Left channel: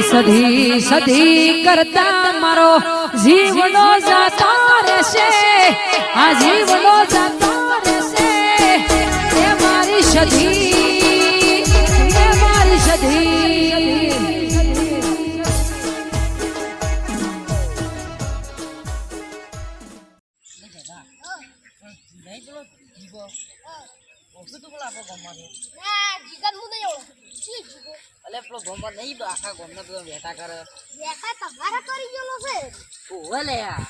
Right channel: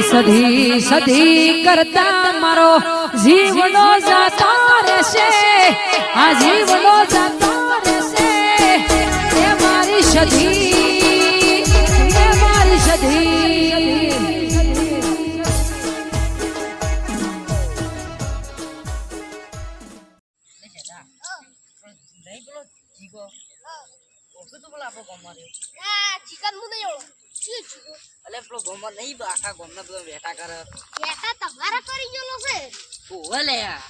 સધી સધી કરતા મારો જીવનો જાતો રહેશે આ જીવનો જાતો રહેશે એ મારી સધી એ મારી સધી નહીં પેલો જીગો ઓછું તો પેલો આપણો ગામમાં રહ્યો જીગા હું નહીં ઓળખ શું જીગો એટલે પેલો ગામમાં નહીં આખા ગામના પેલો વેટા કરે બેટા તમારા કરી ગયેલો છે ઓવે લે આ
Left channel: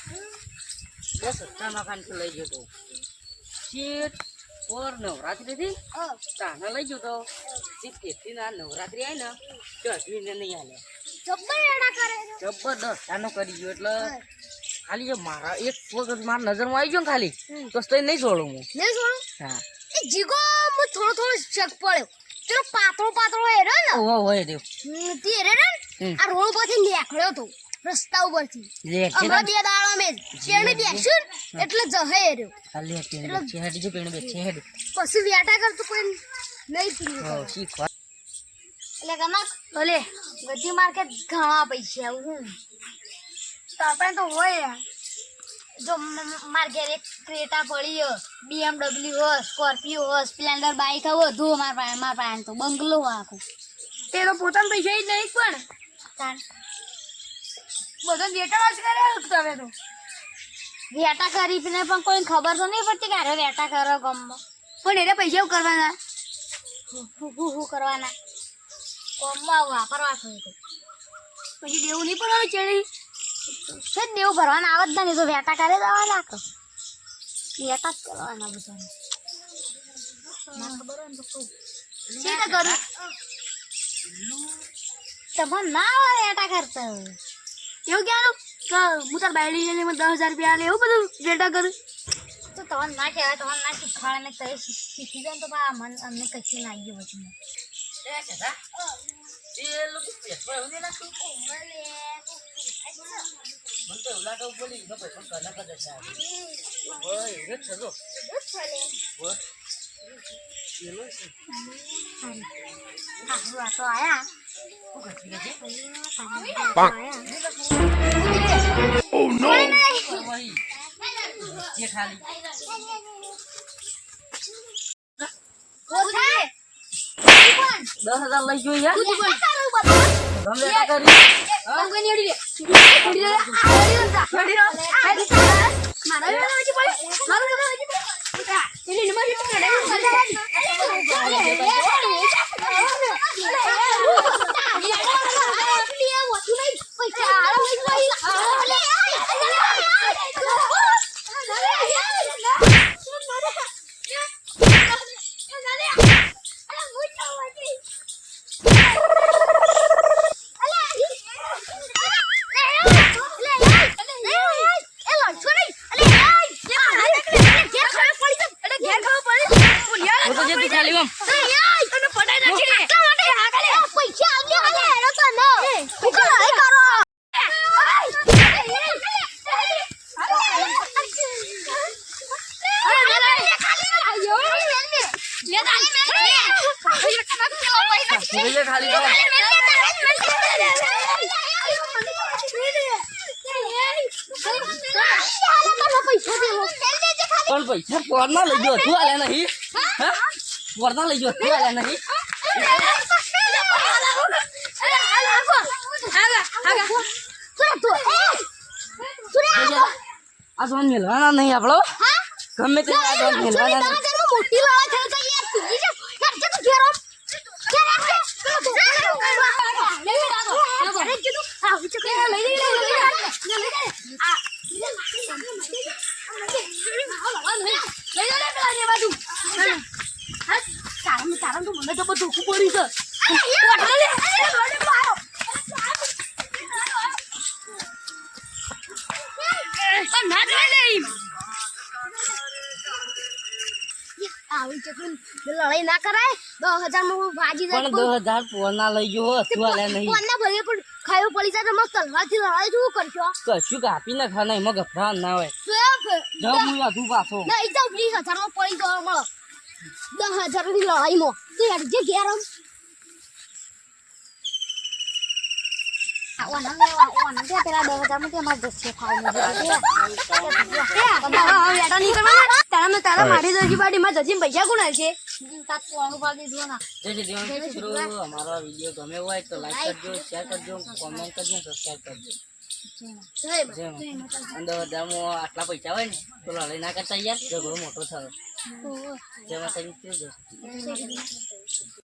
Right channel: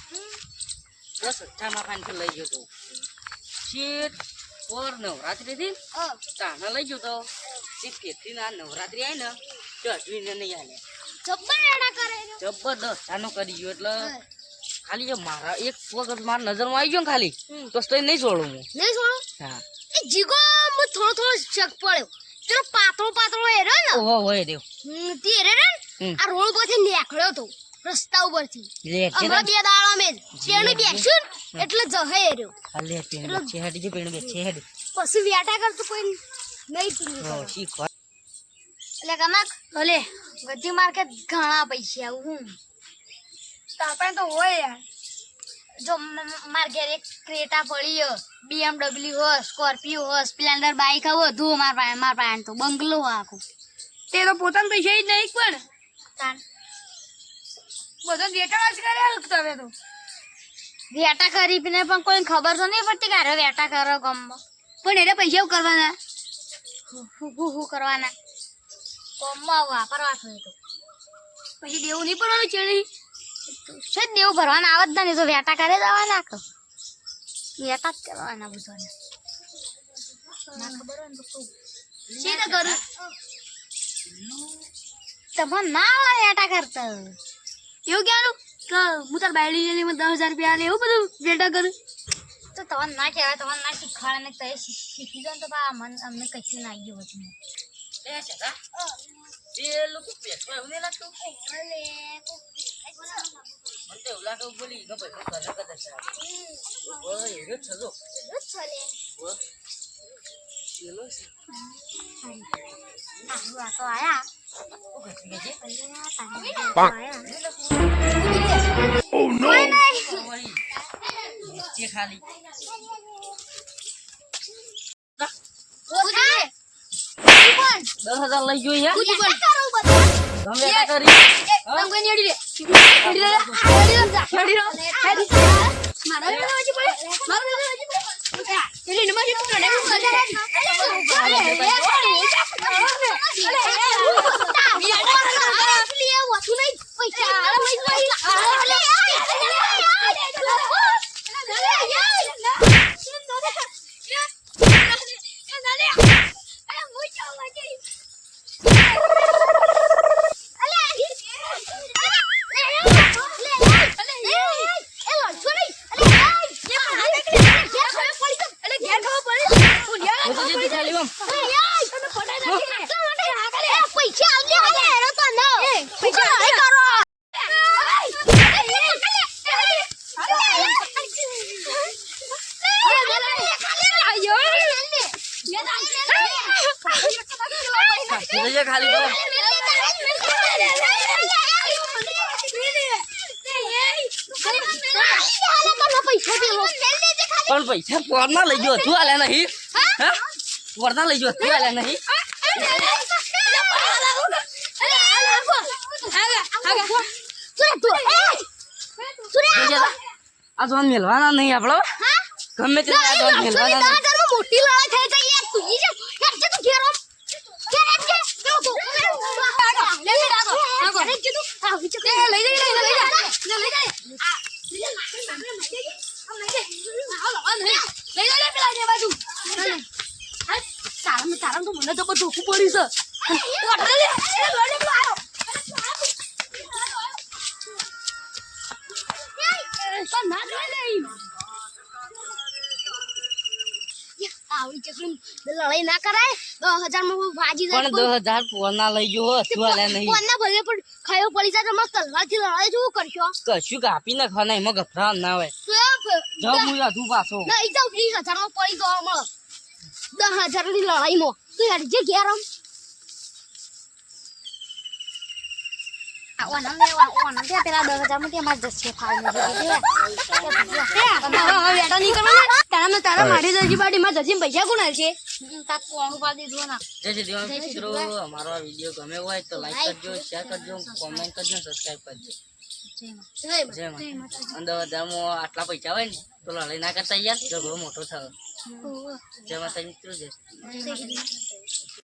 બસ ચામાં ફાન લઈ ગયો તો શેઠ પર નવરાત્રી થી તાના લઈ ગયો તો શેઠ કેથી ના નવરાત્રી આવી ને તો અઢવીને નહીં આલે જબ્બર એડા કરે જબરદસ્ત તાનો કરી ગયો એટલે ખાલી જો મારા એક વખત મારા નજરમાં આવી ગયો ને ખાલી તો નહીં છોડું હું નહીં છોડું હા એ જીગો મુ થોડો શક પડ્યો ચલો પાતળો એ રે ને ઓહો હોય દેવ તે રે આ રોડ પરથી નીકળ્યો તો રસ્તા ઉપરથી હમણાં 2 દાડા મેં તેને બેસ્યું એટલે જહે રહ્યો ખાલી પેણ છેડી જે પેણ બે છેડી પછી વ્યાટા કરતો કોઈ નહીં પીવું ઓ શીખ એટલે કમાક ભલે ગધી માર્કેટ ઘણા પૈસા હું તાપા તો હોય યાર જો માર ઘેર એક ક્રેટા પડી હો BMW હો સ્કોર્પિયો હો સ્પ્લેન્ડર બાઈક હો બધું માર પાસે તો બંગલો આખો તે તો પોતાના પૈસા જ નહીં પણ તાર બધો વેટા જ કર્યા તમે તો વેટા કરી ને પણ કોઈ ખબર તો નહીં પડતી કે આરે વેટા કરો ગમમાં પણ એને પૈસા કરવાના હું કરવાના ગમમાં વાપરવા છો તો પછી દેવું નહીં પડવાનું ચેડી છે દેવું ભરવાના આવત ના તો વેટા કરે જવા નાખો વેટા જ કરવાના બધાને ના ખબર હોય ને તો સીધા કરું તમે ના હોય વેટા કરતા એવું ક્યાંનું કે હું તાર બાયડી જઈને 10,000 રૂપિયા આલે એવું બધું વેટા કરું તો તમને ના કહેવાય તમને ના શીખવાડે ને કઈ શીખી જાય તો મન અમને કશું ના આવી ગયું પછી એ છતા એ લોકો પેટમાં એવું નહીં લાગતું મને તો એવું લાગે બોલી નો પૈસા કલા કદા છે ઓય એ છજો ઓય ચલો છે આ તો આયા Oh no! જે ખાલી 10,000 લઈ ગયો યાર ગમે તા કરી પણ પૈસા પોરના લઈ ગયો તું આલે નહીં હા પોરના લઈ ગયો તું આલે નહીં આ જોન મેલવાના નહીં આપણો ગમે તે આ જોન મેલવાના મોટી લડાઈ થઈ જાય યાર તું ઈ યાર જે તું ઘેરો તારા તો મને તો બધું પડી છે લડાઈ ના કરાય 10,000 માં વાજી જાય પણ 10,000 પોરના લઈ ગયો તું આલે નહીં પોરના ભલે પણ ખાયો પડી જાય તો મસ્ત તલવારથી લડાઈ શું કરશો કશું કાપી ના ખાના એમાં ગભરાણ ના હોય જબ હું યાદું પાછો ના એકદમ 20,000 માં પડી જવા મળે 10,000 ની લડાઈમાં તું યાર જે ઘેર આમ ઓનમ પેલા 10,000 માં તેમાં જશે ખાવાનું તારા મારી જજી બાડીમાં જજી પૈસા કોણ છે તાર કોણું પા દીધું ના જય શ્રી દેવ મિત્રો અમારો આ વિડીયો ગમે હોય તો લાઈક કરજો શેર કરજો કોમેન્ટ કરજો સબસ્ક્રાઇબ કરજો જય માતા અમદાવાદમાં આટલા પૈસા હોય ને તો લડાઈ ના કરતા યાર ઝઘડો મોટો થયો જય માતા મિત્રો જય શ્રી